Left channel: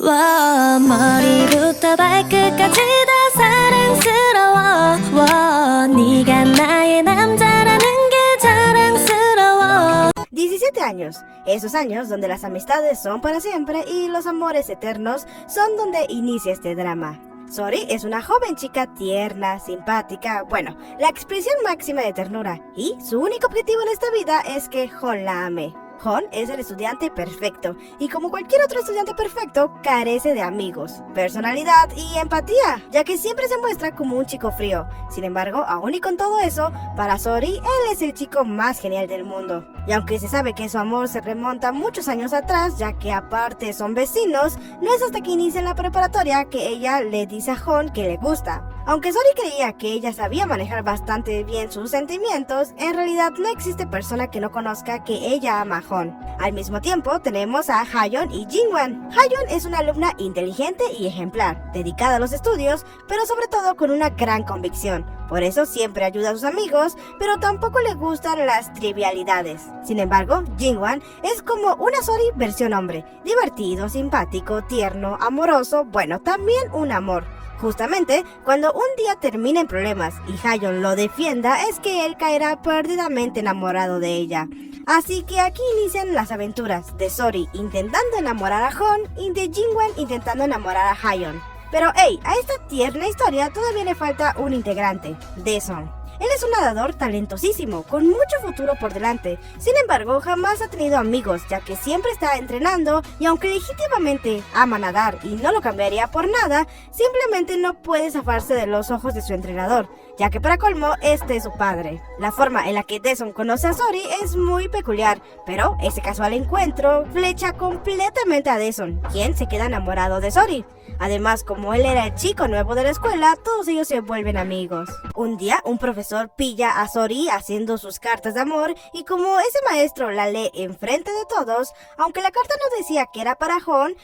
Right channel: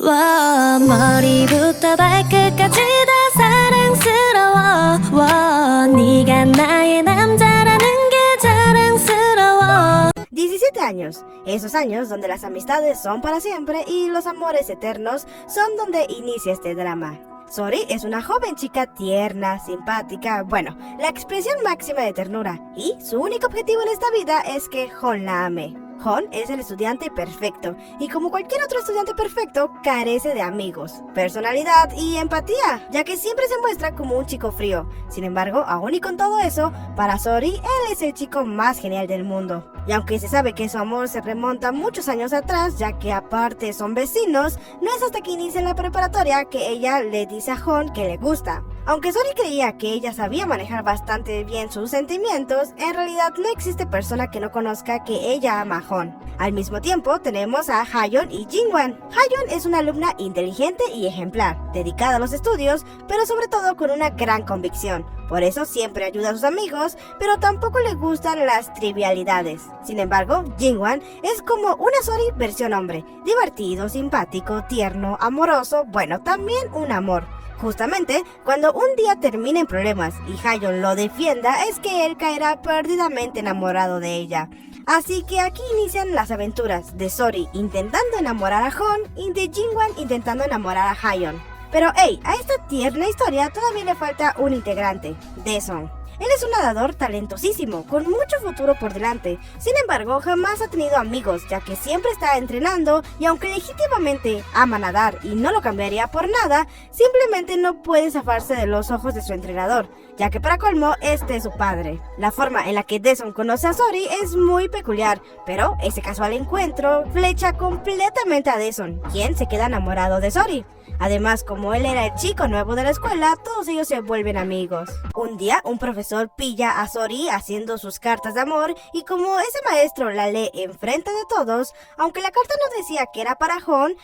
와 머리부터 발끝까지 다 사랑스러워 와 네가 나의 남자라는 게 자랑스러워. 17 años, esos años donde las amistades son para siempre y los amores eternos son donde inicia este drama. Sori es una joven chica tierna, simpática, bueno, la expresión máxima de ternura, y su único objetivo en esta vida es que Hon la ame. Hon es el estudiante perfecto, y como cualquier otro estudiante perfecto, carece de amigos, personalidad y empatía, ya que siempre se muestra como un chico frío. Sin embargo, aún y con todo eso, para Sori, él es el chico más genial del mundo. Y aunque se sabe que su amor se remonta muchos años atrás, ya que aparte son vecinos, no es hasta que inicia la preparatoria que ella le dice a Hon que le gusta. Aunque Sori creía que ella sabía manejar bastante bien sus sentimientos, en realidad no existe persona que no conozca que ella ama a Hon. Al mismo tiempo tenemos a Hayeon y Jingwan. Hayeon es una alumna inteligente y ejemplar, dedicada a los estudios, pero sobre todo con una gran convicción. Por eso siempre ayuda a sus amigos, pero tampoco le gustan las trivialidades. Sin embargo, Jingwan es como una Sori versión hombre, divertido, simpático, tierno, amoroso, bueno, también un amor. Justamente, cuando un día termina en problemas y Hayeon lo defienda, es que él caerá perdidamente enamorado de ella. Así que aquí inician las aventuras de Sori intentando enamorar a Hon y de Jingwan intentando enamorar a Hayeon. Pero hey, a esta tierna historia todavía le falta un integrante, Daesun. Él es un nadador talentosísimo, con mucho futuro por delante. Sin embargo, jamás ha tenido amigos, ya que siempre está entrenando y aunque legítimamente ama nadar y no lo cambiaría por nada, simplemente no puede zafarse de los ojos de su entrenador, ya que para colmo, este es su padre. La forma en la que Daesun conoce a Sori es muy peculiar, pero ese casual encuentro flecha completamente a Daesun, quien se queda enamorado de Sori. Además, como él era el chico nuevo de la escuela, todos ellos se vuelven amigos. Un día, un profesor pilla a Sori haciendo sus cartas de amor y como ese maestro la lee enfrente de todos, aunque la carta no decía que era para Hon,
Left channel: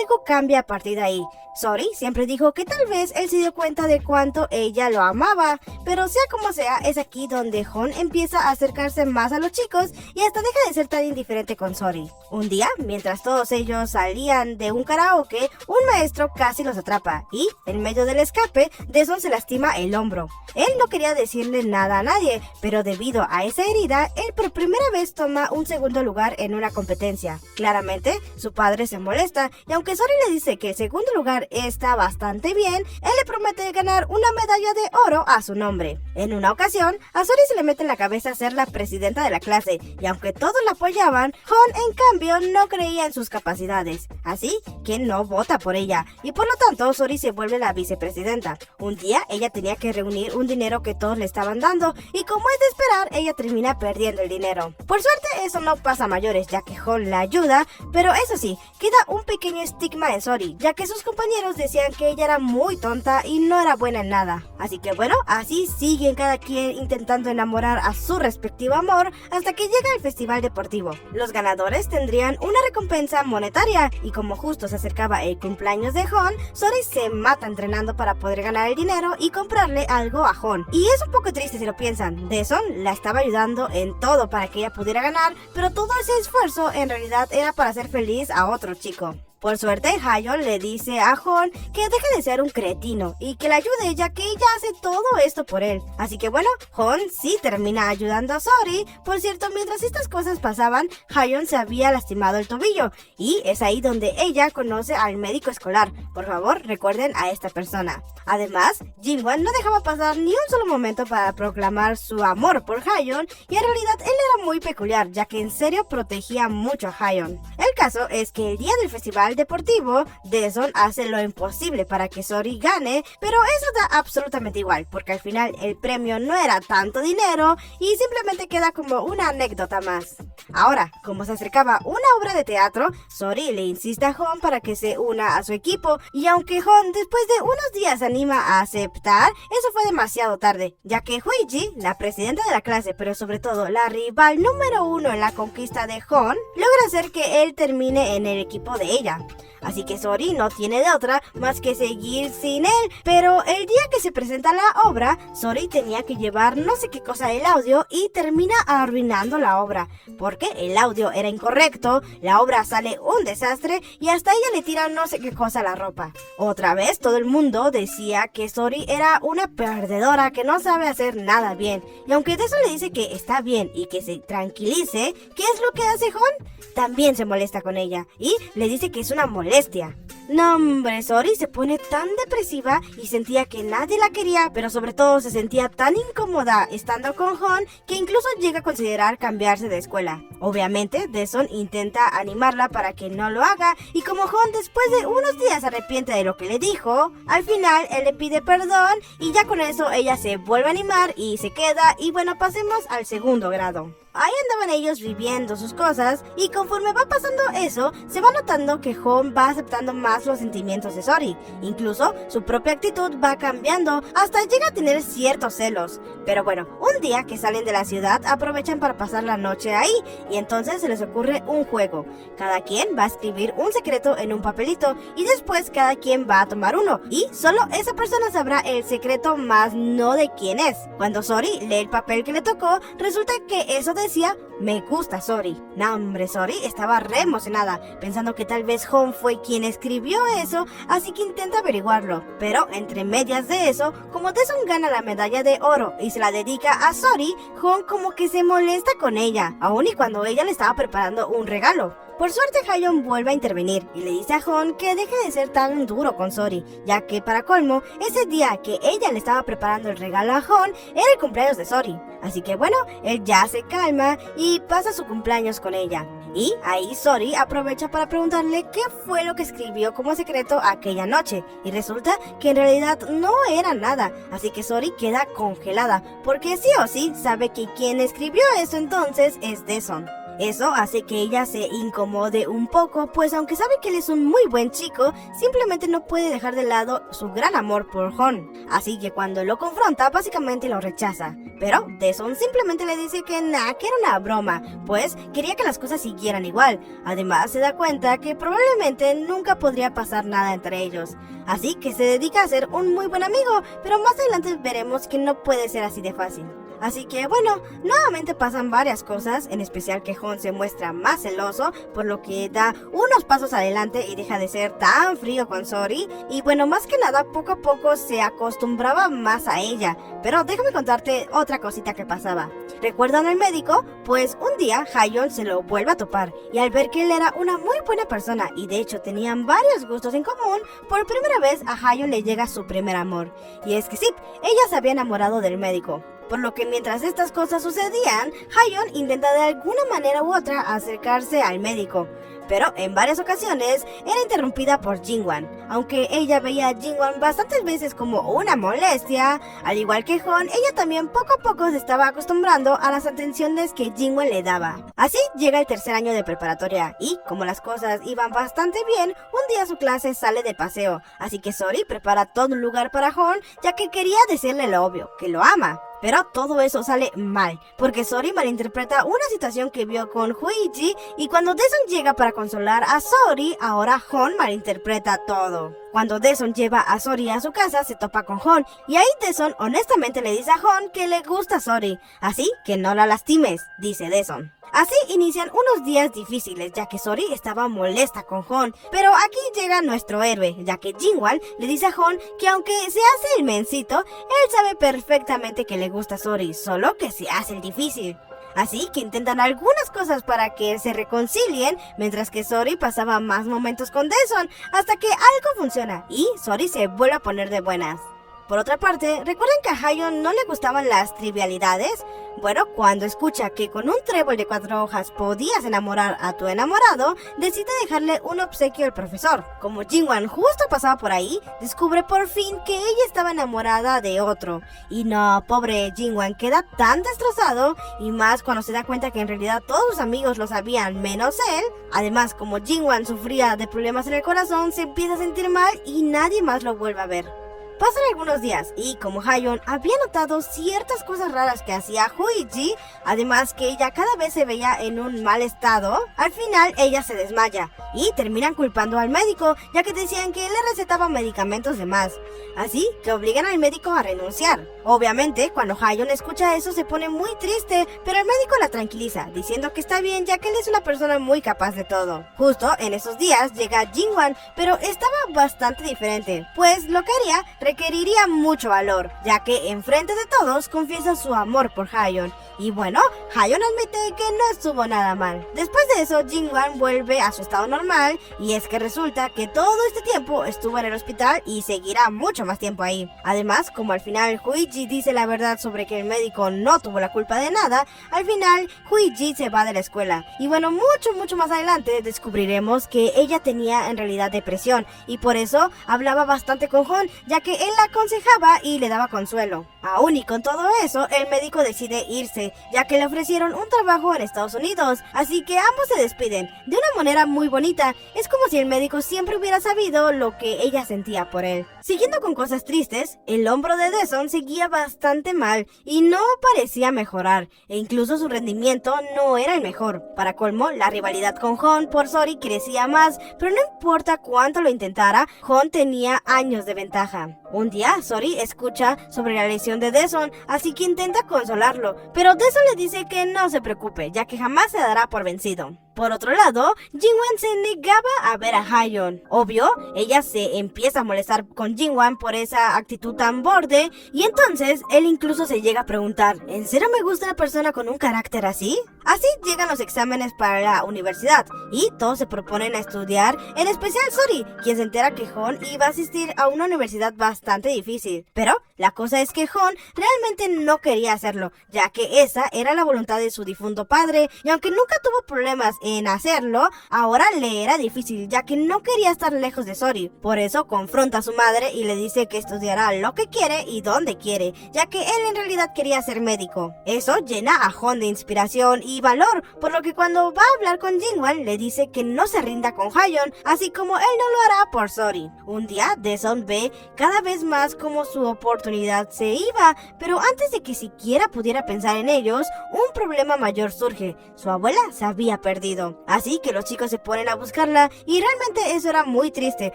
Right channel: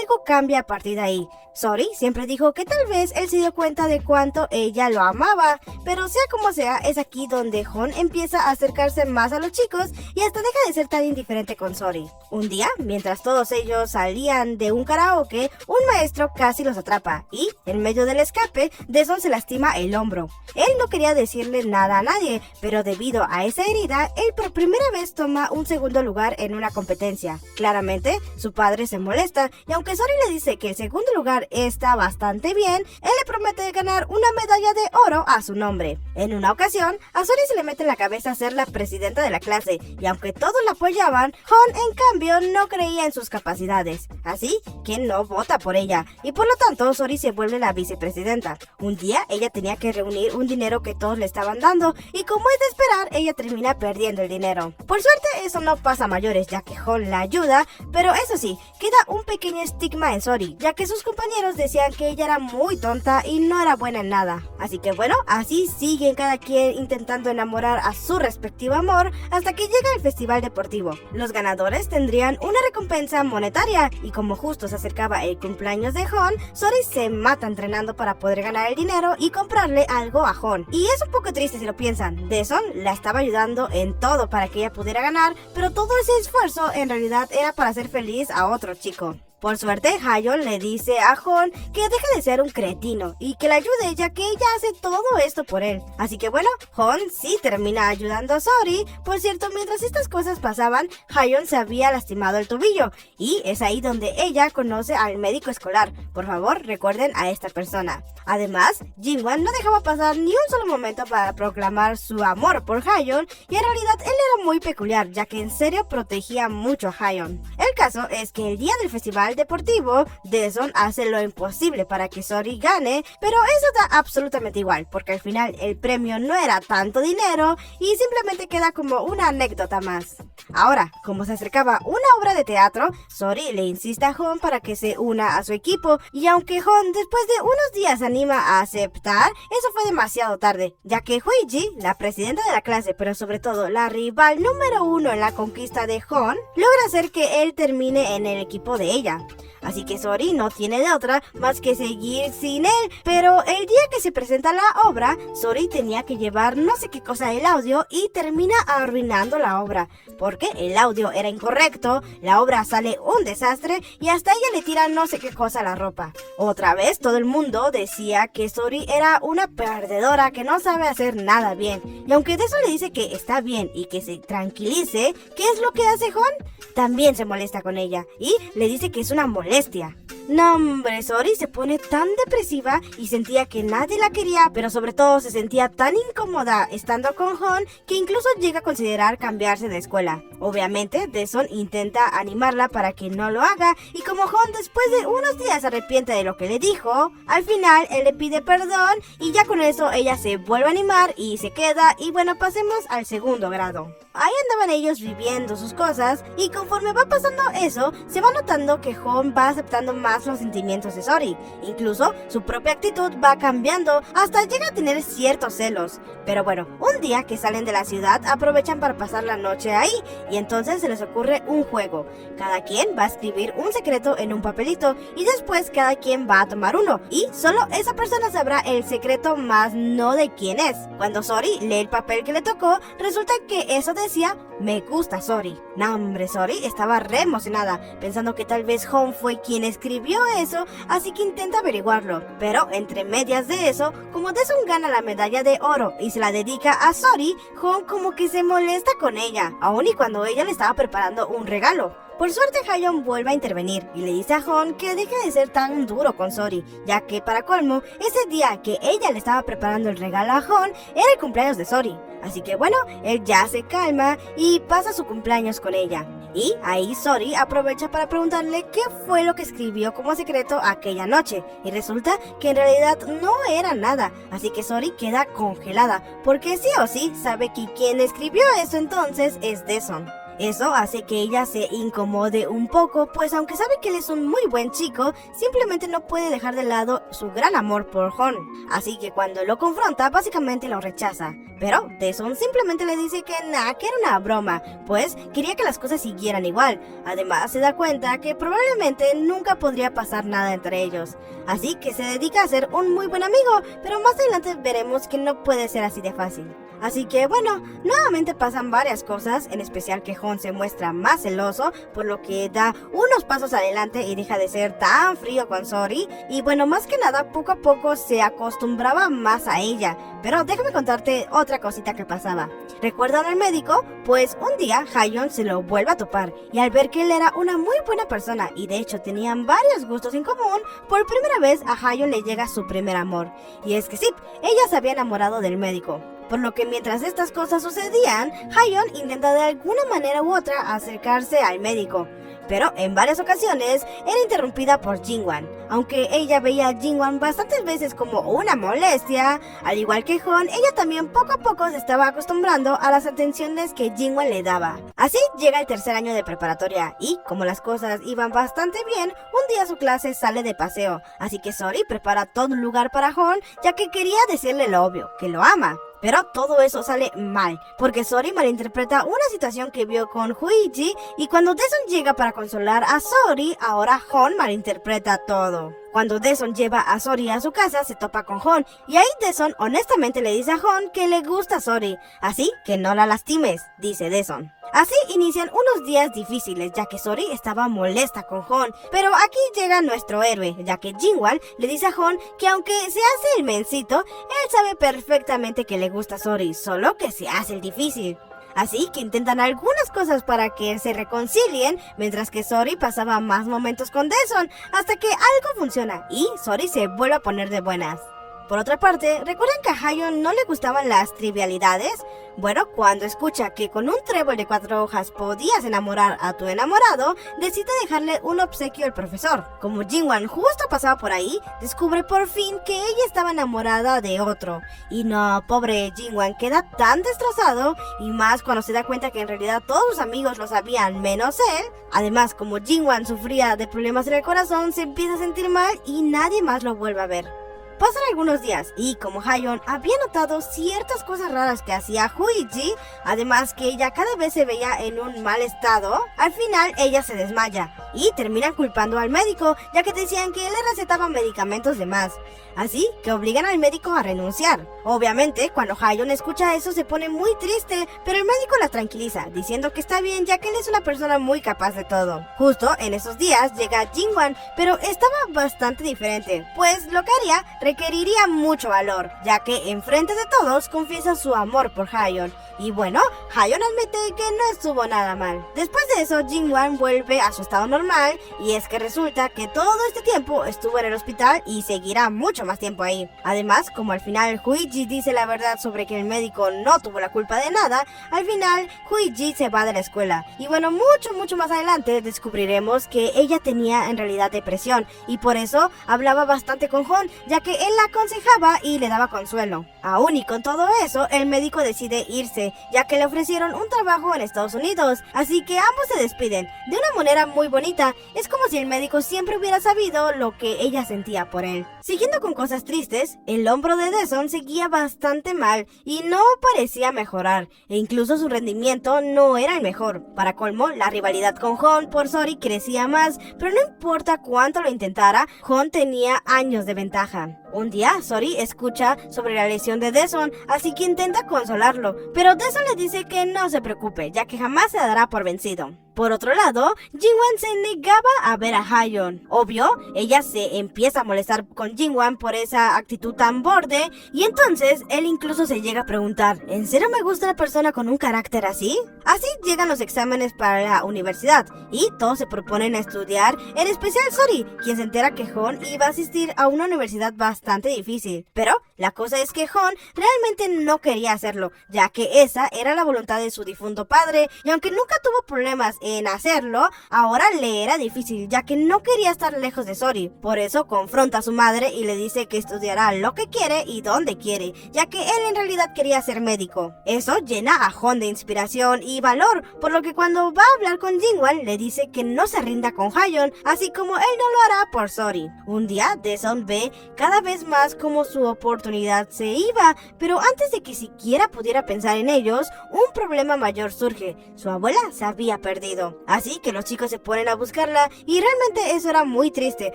algo cambia a partir de ahí. Sori siempre dijo que tal vez él se dio cuenta de cuánto ella lo amaba, pero sea como sea, es aquí donde Hon empieza a acercarse más a los chicos y hasta deja de ser tan indiferente con Sori. Un día, mientras todos ellos salían de un karaoke, un maestro casi los atrapa y, en medio del escape, Daesun se lastima el hombro. Él no quería decirle nada a nadie, pero debido a esa herida, él por primera vez toma un segundo lugar en una competencia. Claramente, su padre se molesta y aunque Sori le dice que el segundo lugar está bastante bien, él le promete ganar una medalla de oro a su nombre. En una ocasión, a Sori se le mete en la cabeza ser la presidenta de la clase y aunque todos la apoyaban, Hon en cambio no creía en sus capacidades, así que no vota por ella y por lo tanto Sori se vuelve la vicepresidenta. Un día ella tenía que reunir un dinero que todos le estaban dando y como es de esperar, ella termina perdiendo el dinero. Por suerte eso no pasa a mayores ya que Hon la ayuda, pero eso sí, queda un pequeño estigma en Sori, ya que sus compañeros decían que ella era muy tonta y no era buena en nada. Así que bueno, así siguen cada quien intentando enamorar a su respectivo amor hasta que llega el festival deportivo. Los ganadores tendrían una recompensa monetaria y como justo se acercaba el cumpleaños de Hon, Sori se mata entrenando para poder ganar el dinero y comprarle algo a Hon. Y es un poco triste si lo piensan, Daesun la estaba ayudando en todo para que ella pudiera ganar, pero todo ese esfuerzo en realidad era para hacer feliz a otro chico. Por suerte, Hayeon le dice a Hon que deje de ser un cretino y que la ayude ya que ella hace todo esto por él. Así que bueno, Hon sí termina ayudando a Sori. Por cierto, mientras estas cosas pasaban, Hayeon se había lastimado el tobillo y es ahí donde ella conoce al médico escolar. Por favor, recuerden a esta persona. Además, Jingwan no dejaba pasar ni un solo momento para proclamar su amor por Hayeon y en realidad él era muy peculiar ya que en serio protegía mucho a Hayeon. El caso es que el día del festival deportivo, Daesun hace lo imposible para que Sori gane, pero eso da absolutamente igual, porque al final el premio no era tanto dinero y simplemente queda como una anécdota más. Ahora, como se acercaba una obra de teatro, Sori le insiste a Hon para que se una a su equipo y aunque Hon después de unos días se anima a aceptar, eso fue demasiado tarde, ya que Huiji, la presidenta de la clase, pero sobre todo la rival número uno en la conquista de Hon, logra hacer que él termine en el equipo de ella. Así que Sori no tiene de otra más que seguir sin él. Pero el día que se presenta la obra, Sori tenía que llevar no sé qué cosa del audio y termina arruinando la obra. Porque el audio era incorrecto, la obra sale un desastre y hasta ella le tira no sé qué cosa a la ropa. Otra vez todo el mundo decía que Sori era una perdedora que no sabe hacer nada bien. Y aunque de eso le dice que está bien y que se tranquilice, ¿qué es lo que hace Hon? También se molesta con ella y le dice que es una molestia. No, hombre, Sori se pone tan depresiva y sentía que nadie la quería, pero sobre todo se sentía tan incómoda estando con Hon que incluso llega a considerar cambiarse de escuela. Obviamente, Daesun intenta animarla para que no lo haga y como Hon después de unos días se arrepiente de lo que le dijo, al final él le pide perdón y ya con eso ella se vuelve a animar y se queda y bueno, pasemos al segundo grado. Ahí andaban ellos viviendo sus cosas y conforme va pasando eso, se va notando que Hon va aceptando más los sentimientos de Sori. Incluso su propia actitud va cambiando hasta llega a tener ciertos celos. Pero bueno, un día que salen de la ciudad aprovechan para pasar la noche ahí y entonces se les ocurre un juego. Cada quien va a escribir un secreto en un papelito y después cada quien va a tomar uno y solo esa persona sabrá el secreto más no de quién es. Cuando Sori lee el papel que le tocó, resulta que eso decía me gusta Sori. No, hombre, Sori estaba re emocionada, pensando que tal vez Hon fue quien escribió eso, así que intenta averiguarlo. Pero entre medias de eso, como Daesun gana la medalla de oro y se la dedica a Sori, Hon como que se molesta con ella, aun y cuando ella le estaba preparando un regalo. Por suerte Hayeon vuelve a intervenir y le dice a Hon que deje de ser tan duro con Sori, ya que para colmo, ese día que ella le estaba preparando el regalo a Hon era el cumpleaños de Sori. Así que bueno, él ya se calma y pasa su cumpleaños con ella. Y ahí Sori aprovecha para preguntarle qué fue lo que escribió como secreto aquella noche. Y resulta que en realidad no era nada, así que Sori queda congelada, porque sí o sí sabe que quien escribió eso entonces es Daesun. Eso hace que ella se incomode un poco, pues aunque sabe que él es un muy buen chico, simplemente no puede dejar de lado su gran amor por Hon. Así que cuando lo confronta, básicamente lo rechaza. Pero Daesun simplemente le dice que nada, que era una broma, pues quería que las cosas siguieran igual. Además se da cuenta que probablemente nunca podría pasar nada entre ellos. Así que se dedica a ser un muy buen amigo, pero más adelante veremos que no puede ser así de fácil. Así que bueno, nuevamente pasan varias cosas, en especial que Hon se muestra más celoso, por lo que da unos pasos adelante y deja de ser tan frío con Sori. Y bueno, más que nada, poco a poco se acostumbraba más a ella. Pero déjame contarte otra cosita que pasaba. ¿Recuerdan al médico? Pues un día Hayeon se lo vuelve a topar y al ver que él era una muy buena persona y de hecho tenían varios gustos en común, por primera vez a Hayeon le llega su primer amor. Y es que sí, ella se había enamorado del médico. Por lo que mientras estas cosas sucedían, Hayeon intenta de alguna manera u otra acercarse al médico. Pero en varias ocasiones era interrumpida por Jingwan. Aunque ella veía a Jingwan bastantes veces como una molestia, al igual que Hon, ella también poco a poco se estaba acostumbrando a las atenciones que Jingwan le daba. Así llega el tercer año de preparatoria y, como las cosas iban bastante bien, un día su clase sale de paseo. Así que Sori prepara todo un lugar para Hon, ya que quería decirle lo obvio, que lo ama. Pero todo eso sale mal, porque Sori malinterpreta una situación que vio con Huichi y cuando Daesun llega para consolar a Sori, ahora Hon malinterpreta todo. Cuando Daesun lleva a Sori a su casa, se topa con Hon y ahí Daesun honestamente le dice a Hon que le gusta Sori, así que no la lastimes, dice Daesun. Así inician unos días difíciles, ya que Sori estaba molesta con Hon, pero aquí llega nuestro héroe, ya que Jingwan le dice a Hon que aunque se hace el mencito, él sabe perfectamente que le gusta Sori, solo que se hace el difícil. Así que intentan algunas cosas para que se reconcilien, mientras que Sori pasaba más momentos con Daesun, hasta que algo funciona y Sori se vuelve a poner de buenas. Por otra parte, ¿recuerdan que a Hayeon no le gustaban las trivialidades? Bueno, cuando escucha que con un trébol de 4 hojas podías enamorar a tu enamorado, decide dejarle un obsequio al profesor. Como Jingwan justo pasaba por ahí, descubre por fin que ella estaba enamorada de otro. Y no, pobre Jingwan queda tan destrozado, y más cuando se da cuenta que en realidad todos sus amigos lo sabían menos él. Además, como Jingwan sufría de problemas en el corazón, se empieza a sentir mal y nadie más lo vuelve a ver. Pasan algunos días y como Hayeon había notado ciertas cosas raras que hacía Huiji, además que ella cada vez se veía en un mal estado, al final ella se desmaya y terminan culpando al médico, ya que decían que él le recetaba medicamentos de más. Así que obligan al médico a renunciar. Obviamente, cuando Hayeon escucha eso se pone muy triste, pero el médico la tranquiliza, diciendo que está bien ya que él es una persona muy capaz de todo. Justo en esos días llega Jingwan, pero estaba bastante diferente, pues lo que haría requeriría mucho valor, ya que enfrente de todos confiesa su amor por Hayeon. Y bueno, Hayeon admite que no estuvo nada mal. Después de eso, Jingwan vuelve a su estado normal, y es que resulta que todo este tiempo estuvo en el hospital y seguirá mucho más tiempo ahí. Además, como al final Huiji dice la verdad sobre que el médico no tuvo la culpa de nada, al final Huiji se va de la escuela. Y bueno, mucho más adelante descubriremos que ella tenía en realidad depresión, y por eso hablaba bastante con Hon, ya que él la aconsejaba y le daba consuelo. Aún y con todo eso, el médico decide irse, ya que le ofrecieron un trabajo en Estados Unidos, así que ambos se despiden de una manera muy bonita. Es como si el médico siempre hubiera sabido lo que ella sentía por él. Siguiendo con cosas tristes, el hombro de Daesun seguía bastante mal y no parecía mejorar, e incluso su rendimiento no era el mejor. Para colmo, la rivalidad con Hon por Sori crecía más, pero no importa cuánto lo intentara, Hon tenía años de ventaja. Un día, Sori escucha sobre la lesión de Daesun, así que intenta consolarlo, pero Daesun le dice que no se preocupe, ya que jamás se dará por vencido. Por otro lado, Jingwan se negaba a ver a Hayeon. Obvio, ella se empieza a molestar con Jingwan por esa actitud tan borde, y entonces él incluso se llega a preguntar, ¿en serio me gusta una persona con un carácter así? Así llegan los exámenes para la universidad, y todos se proponen a estudiar, en especial Sori, quien se entera que Hon iba a asistir a una universidad bastante difícil. Pero la cosa es que Hon realmente no quería hacerlo, ya que esa era la voluntad de su difunto padre, y aunque nunca tuvo problemas en hacerlo, ahora le era difícil, ya que no quería estar lejos de Sori. Por eso confronta a su madre y le dice que estudiará lo que quiere y donde quiere, ya que él en realidad quería ser médico. Eso llena a Hon de inspiración y valor, por lo que cuando va a hablar con Jingwan le dice que no se rinda con Hayeon, así como él no lo hará por Sori. Un día, Daesun ve cada vez más como su oportunidad se iba, pero antes de que siquiera pudiera pensar en ellos, un problema mayor surge. Su abuela se había perdido. Así que los chicos se ponen a buscarla, y realmente eso era muy triste,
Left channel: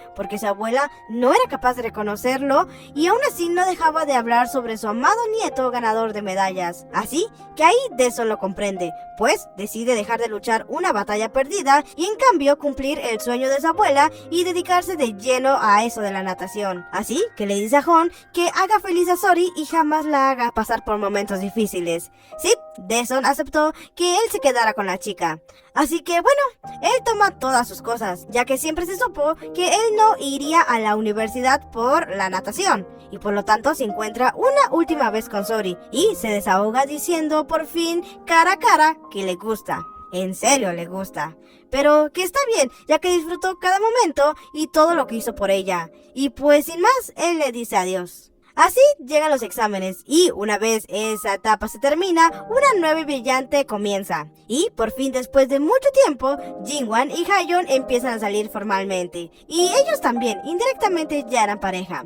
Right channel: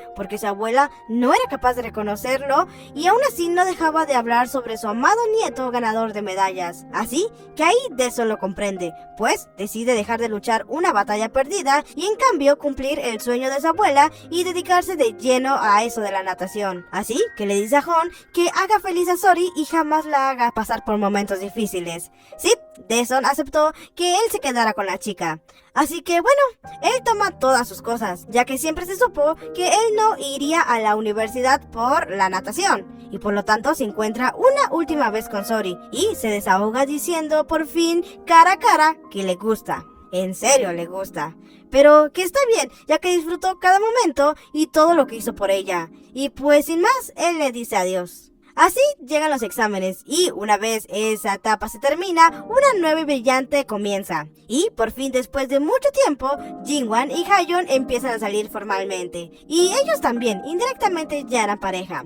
porque su abuela no era capaz de reconocerlo, y aún así no dejaba de hablar sobre su amado nieto ganador de medallas. Así que ahí Daesun lo comprende, pues decide dejar de luchar una batalla perdida y en cambio cumplir el sueño de su abuela y dedicarse de lleno a eso de la natación. Así que le dice a Hon que haga feliz a Sori y jamás la haga pasar por momentos difíciles. Sí, Daesun aceptó que él se quedara con la chica. Así que bueno, él toma todas sus cosas, ya que siempre se supo que él no iría a la universidad por la natación, y por lo tanto se encuentra una última vez con Sori y se desahoga diciendo por fin cara a cara que le gusta. En serio le gusta, pero que está bien, ya que disfrutó cada momento y todo lo que hizo por ella. Y pues sin más, él le dice adiós. Así llegan los exámenes y una vez esa etapa se termina, una nueva y brillante comienza. Y por fin, después de mucho tiempo, Jingwan y Hayeon empiezan a salir formalmente. Y ellos también, indirectamente, ya eran pareja.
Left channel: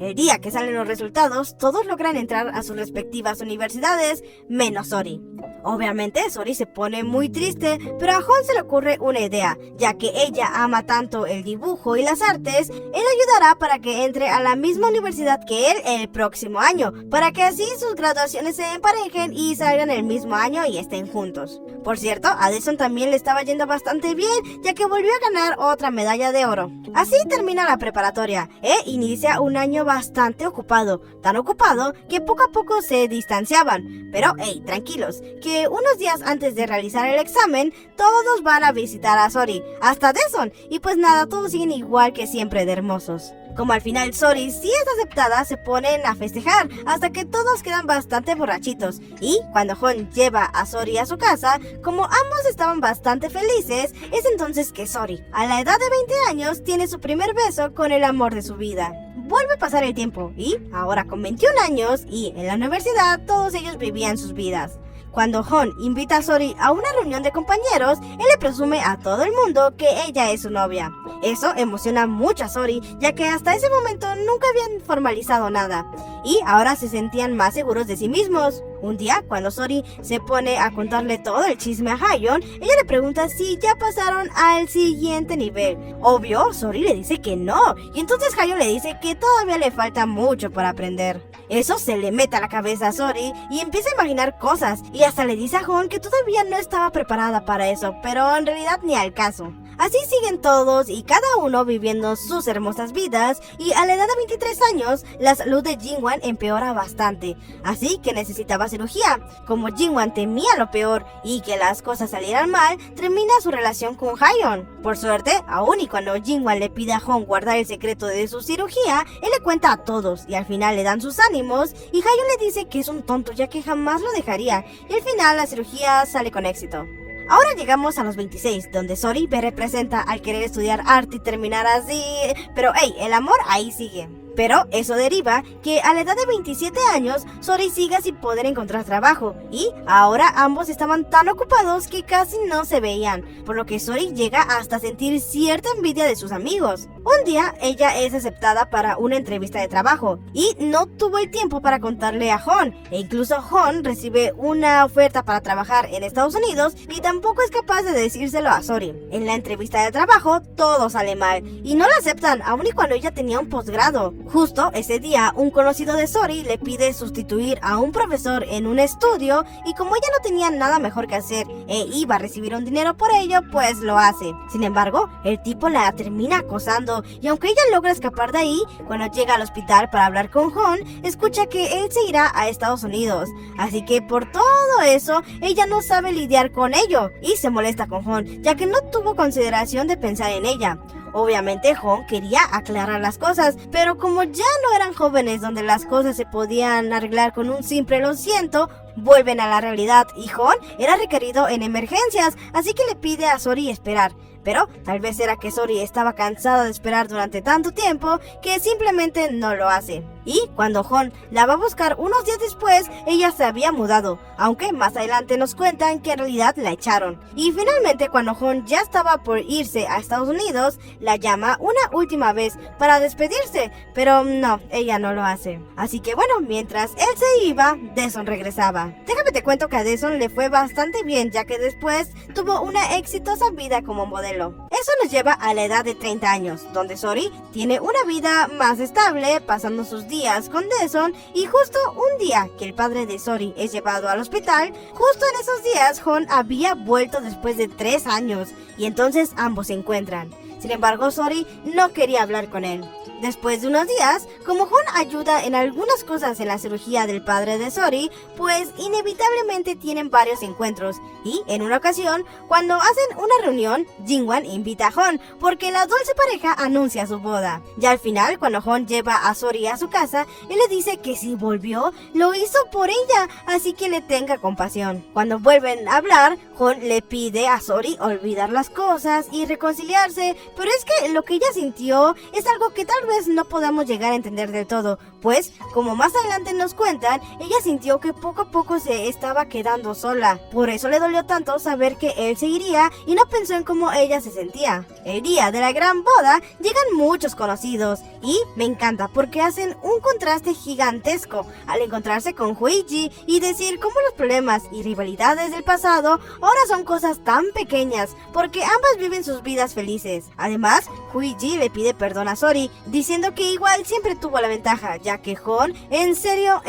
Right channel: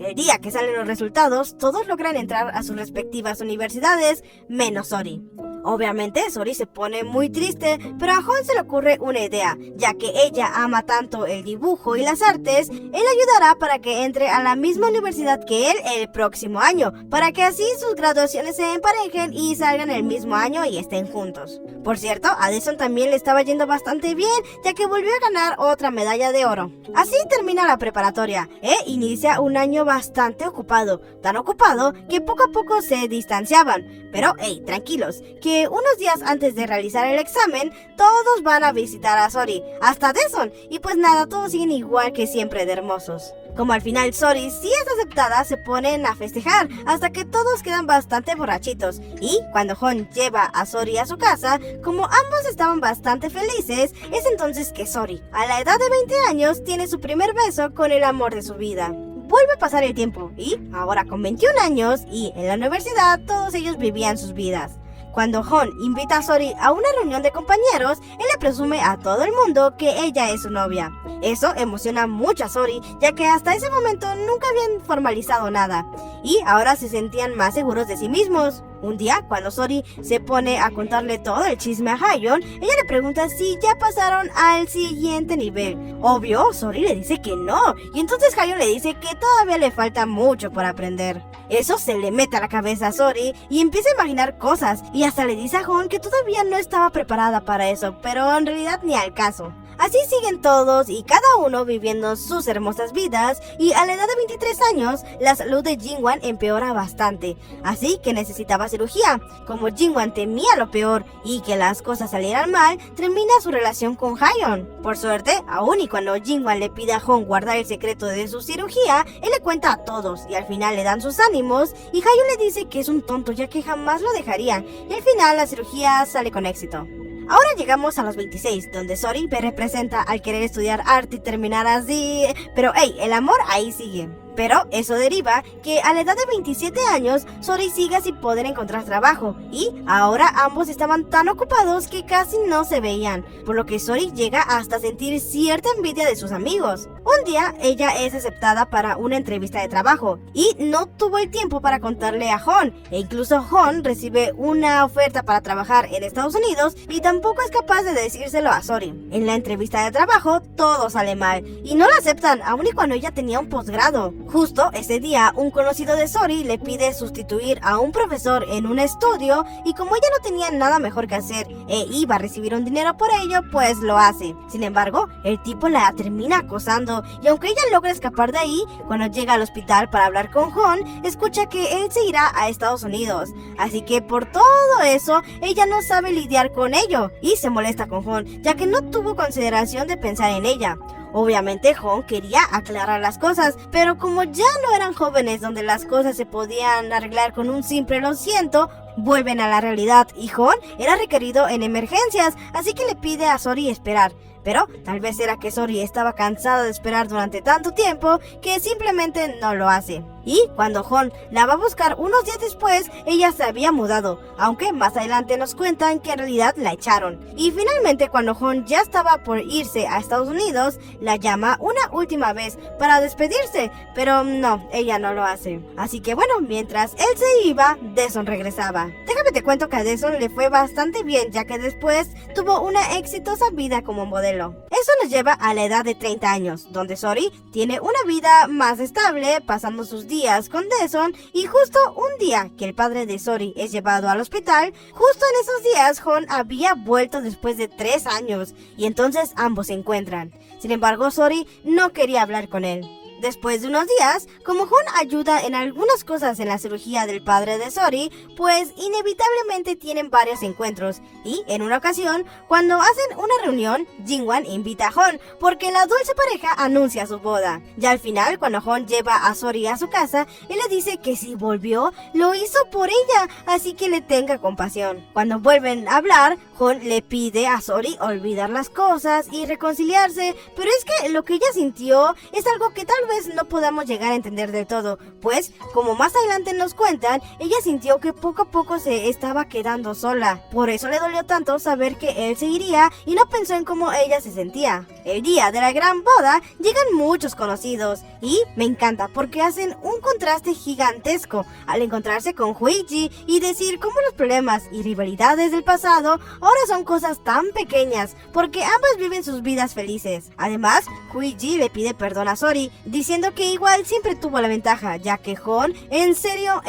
El día que salen los resultados, todos logran entrar a sus respectivas universidades, menos Sori. Obviamente, Sori se pone muy triste, pero a Hon se le ocurre una idea, ya que ella ama tanto el dibujo y las artes, él ayudará para que entre a la misma universidad que él el próximo año, para que así sus graduaciones se emparejen y salgan el mismo año y estén juntos. Por cierto, a Daesun también le estaba yendo bastante bien, ya que volvió a ganar otra medalla de oro. Así termina la preparatoria e inicia un año bastante ocupado, tan ocupado que poco a poco se distanciaban. Pero hey, tranquilos, que unos días antes de realizar el examen, todos van a visitar a Sori, hasta Daesun, y pues nada, todos siguen igual que siempre de hermosos. Como al final Sori sí es aceptada, se ponen a festejar hasta que todos quedan bastante borrachitos. Y cuando Hon lleva a Sori a su casa, como ambos estaban bastante felices, es entonces que Sori, a la edad de 20 años, tiene su primer beso con el amor de su vida. Vuelve a pasar el tiempo y, ahora con 21 años y en la universidad, todos ellos vivían sus vidas. Cuando Hon invita a Sori a una reunión de compañeros, él le presume a todo el mundo que ella es su novia. Eso emociona mucho a Sori, ya que hasta ese momento nunca habían formalizado nada, y ahora se sentían más seguros de sí mismos. Un día, cuando Sori se pone a contarle todo el chisme a Hayeon, ella le pregunta si ya pasaron al siguiente nivel. Obvio, Sori le dice que no, y entonces Hayeon le dice que todavía le falta mucho por aprender. Eso se le mete a la cabeza a Sori y empieza a imaginar cosas, y hasta le dice a Hon que todavía no estaba preparada para eso, pero en realidad ni al caso. Así siguen todos y cada uno viviendo sus hermosas vidas, y a la edad de 23 años la salud de Jingwan empeora bastante, así que necesitaba cirugía. Como Jingwan temía lo peor y que las cosas salieran mal, termina su relación con Hayeon. Por suerte, aún y cuando Jingwan le pide a Hon guardar el secreto de su cirugía, él le cuenta a todos y al final le dan sus ánimos, y Hayeon le dice que es un tonto ya que jamás lo dejaría, y al final la cirugía sale con éxito. Ahora llegamos a los 26, donde Sori representa al querer estudiar arte y terminar así, pero hey, el amor ahí sigue. Pero eso deriva que a la edad de 27 años, Sori sigue sin poder encontrar trabajo, y ahora ambos estaban tan ocupados que casi no se veían, por lo que Sori llega hasta sentir cierta envidia de sus amigos. Un día, ella es aceptada para una entrevista de trabajo, y no tuvo el tiempo para contarle a Hon, e incluso Hon recibe una oferta para trabajar en Estados Unidos, y tampoco es capaz de decírselo a Sori. En la entrevista de trabajo, todo sale mal, y no la aceptan, aun y cuando ella tenía un posgrado. Justo ese día, un conocido de Sori le pide sustituir a un profesor en un estudio, y como ella no tenía nada mejor que hacer e iba a recibir un dinero por ello, pues lo hace. Sin embargo, el tipo la termina acosando, y aunque ella logra escapar de ahí, cuando llega al hospital para hablar con Hon, escucha que él se irá a Estados Unidos. Así que por todo eso, ella no sabe lidiar con ello, y se molesta con Hon, ya que no tuvo consideración de pensar en ella. Obviamente Hon quería aclarar las cosas, pero como ya no eran jóvenes donde las cosas se podían arreglar con un simple lo siento, vuelven a la realidad, y Hon era requerido en emergencias, así que le pide a Sori esperar. Pero tal vez era que Sori estaba cansada de esperar durante tanto tiempo que simplemente no lo hace. Y cuando Hon la va a buscar unos días después, ella se había mudado, aunque más adelante nos cuentan que en realidad la echaron. Y finalmente, cuando Hon ya estaba por irse a Estados Unidos, la llama una última vez para despedirse, pero no, ella no lo hace. Así que bueno, mientras él se iba, Daesun regresaba. Déjame te cuento que a Daesun le fue bastante bien, ya que después tuvo una exitosa vida como modelo. Eso nos lleva a la edad de 30 años, donde Sori tiene una vida más estable, pasando sus días con Daesun, y justo un día que el padre de Sori es llevado al hospital, justo en esos días Hon había vuelto después de 3 años, y entonces ambos se encuentran. Sin embargo, Sori no quería hablar con él. Después de unos días, como Hon ayuda en algunas cosas en la cirugía del padre de Sori, pues inevitablemente tienen varios encuentros, y en una ocasión, cuando hacen una reunión, Jingwan invita a Hon porque la dulce pareja anuncia su boda. Ya al final, cuando Hon lleva a Sori a su casa, él le dice que si volvió, lo hizo por ella, así que le tenga compasión. Cuando vuelven a hablar, Hon le pide a Sori olvidar las cosas y reconciliarse, pero es que lo que ella sintió es algo que tal vez no podemos llegar a entender del todo, pues como más adelante nos cuentan, ella sintió que poco a poco se estaba quedando sola. Por eso le dolió tanto saber que él se iría y no pensó en cómo ella se sentía. El día de la gran boda llegan muchos conocidos, y me encanta porque hacen un contraste gigantesco al encontrarse con Huichi y decir cómo los problemas y rivalidades del pasado ahora son cosas tan pequeñas, porque ambas viven sus vidas felices. Además, Huichi le pide perdón a Sori, diciendo que igual siempre tuvo la ventaja, ya que Hon en serio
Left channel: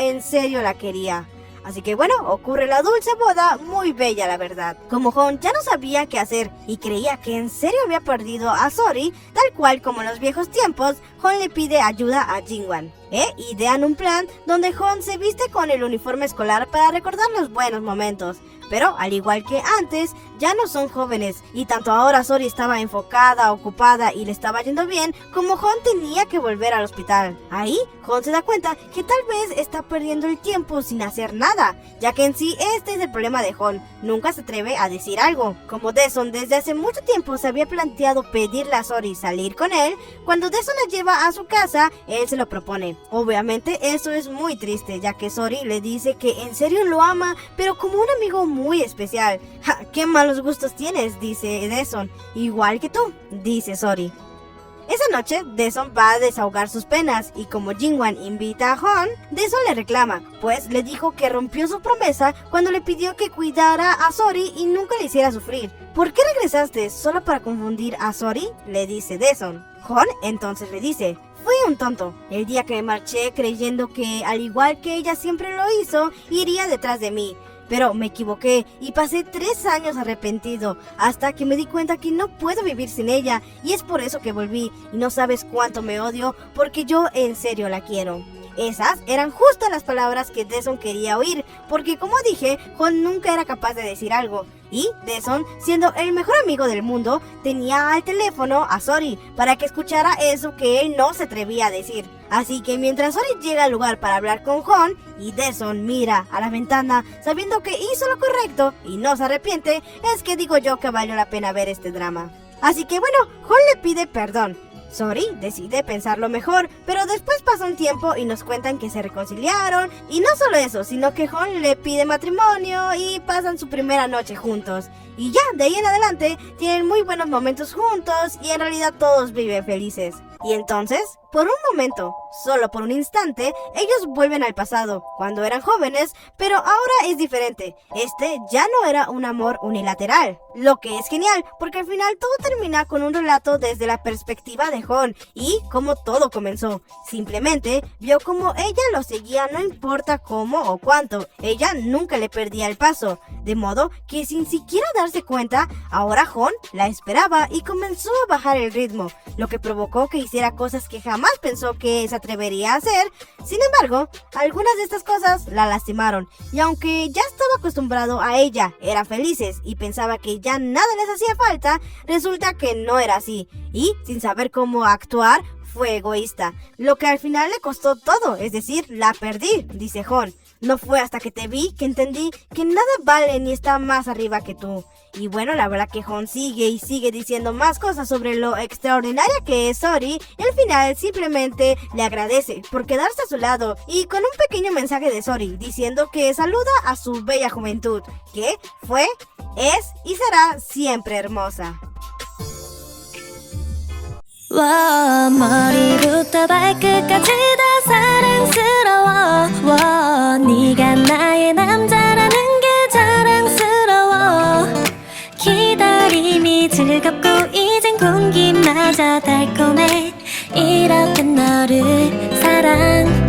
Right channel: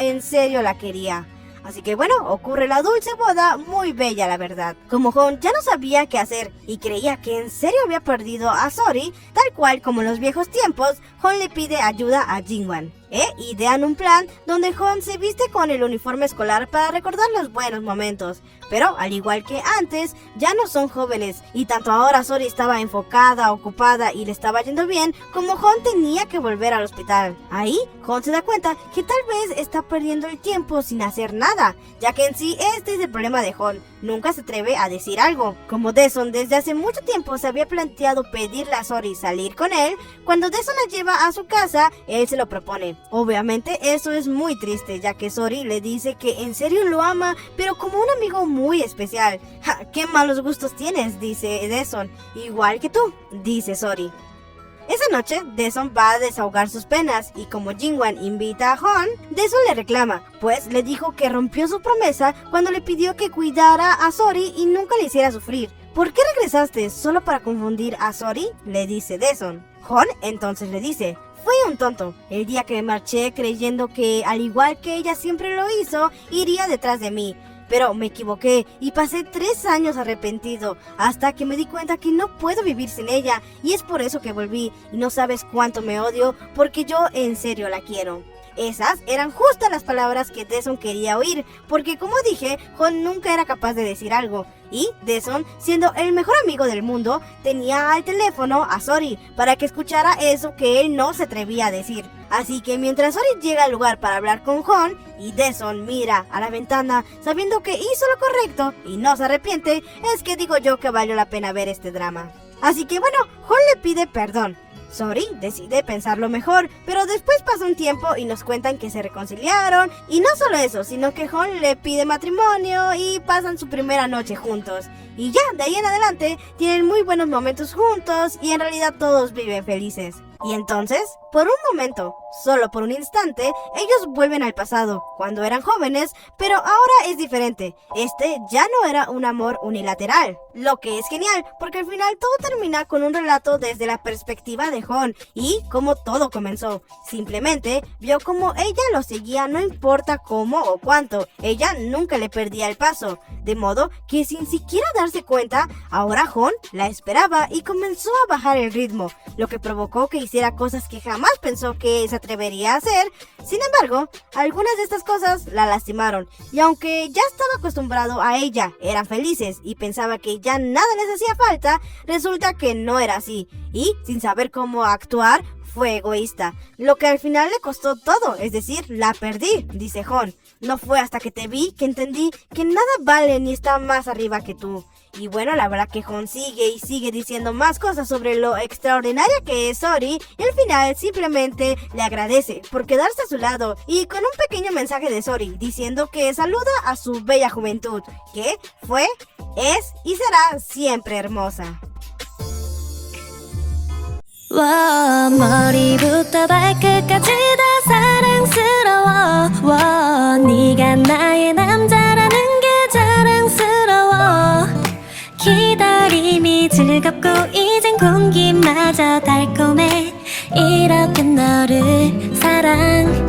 la quería. Así que bueno, ocurre la dulce boda, muy bella la verdad. Como Hon ya no sabía qué hacer y creía que en serio había perdido a Sori, tal cual como en los viejos tiempos, Hon le pide ayuda a Jingwan. Idean un plan donde Hon se viste con el uniforme escolar para recordar los buenos momentos. Pero al igual que antes, ya no son jóvenes, y tanto ahora Sori estaba enfocada, ocupada y le estaba yendo bien, como Hon tenía que volver al hospital. Ahí, Hon se da cuenta que tal vez está perdiendo el tiempo sin hacer nada, ya que en sí este es el problema de Hon, nunca se atreve a decir algo. Como Daesun desde hace mucho tiempo se había planteado pedirle a Sori salir con él, cuando Daesun la lleva a su casa, él se lo propone. noche. Obviamente eso es muy triste, ya que Sori le dice que en serio lo ama, pero como un amigo muy especial. ¡Ja! ¡Qué malos gustos tienes!, dice Daesun. Igual que tú, dice Sori. Esa noche, Daesun va a desahogar sus penas y como Jingwan invita a Hon, Daesun le reclama, pues le dijo que rompió su promesa cuando le pidió que cuidara a Sori y nunca le hiciera sufrir. ¿Por qué regresaste solo para confundir a Sori?, le dice Daesun. Hon entonces le dice, fui un tonto. El día que marché creyendo que, al igual que ella siempre lo hizo, iría detrás de mí. Pero me equivoqué y pasé 3 años arrepentido hasta que me di cuenta que no puedo vivir sin ella y es por eso que volví y no sabes cuánto me odio porque yo en serio la quiero. Esas eran justo las palabras que Daesun quería oír, porque como dije, Hon nunca era capaz de decir algo. Y Daesun, siendo el mejor amigo del mundo, tenía al teléfono a Sori para que escuchara eso que él no se atrevía a decir. Así que mientras Sori llega al lugar para hablar con Hon y Daesun mira a la ventana sabiendo que hizo lo correcto y no se arrepiente, es que digo yo que valió la pena ver este drama. Así que bueno, Hon le pide perdón. Sori decide pensarlo mejor, pero después pasa un tiempo y nos cuentan que se reconciliaron. Y no solo eso, sino que Hon le pide matrimonio y pasan su primera noche juntos. Y ya, de ahí en adelante, tienen muy buenos momentos juntos y en realidad todos viven felices. Y entonces, por un momento, solo por un instante, ellos vuelven al pasado, cuando eran jóvenes, pero ahora es diferente. Este ya no era un amor unilateral, lo que es genial, porque al final todo termina con un relato desde la perspectiva de Hon y cómo todo comenzó. Simplemente vio cómo ella lo seguía, no importa cómo o cuánto, ella nunca le perdía el paso. De modo que sin siquiera darse cuenta, ahora Hon la esperaba y comenzó a bajar el ritmo, lo que provocó que hiciera cosas que jamás pensó que se atrevería a hacer. Sin embargo, algunas de estas cosas la lastimaron, y aunque ya estaba acostumbrado a ella, eran felices y pensaba que ya nada les hacía falta, resulta que no era así, y sin saber cómo actuar, fue egoísta, lo que al final le costó todo, es decir, la perdí, dice Hon. No fue hasta que te vi que entendí que nada vale ni está más arriba que tú. Y bueno, la verdad que Hon sigue y sigue diciendo más cosas sobre lo extraordinaria que es Sori, y al final simplemente le agradece por quedarse a su lado y con un pequeño mensaje de Sori diciendo que saluda a su bella juventud, que fue, es y será siempre hermosa. 와 머리부터 발끝까지 다 사랑스러워 와 네가 나의 남자라는 게 자랑스러워 기다림이 즐겁고 이젠 공기마저 달콤해 이렇게 너를 사랑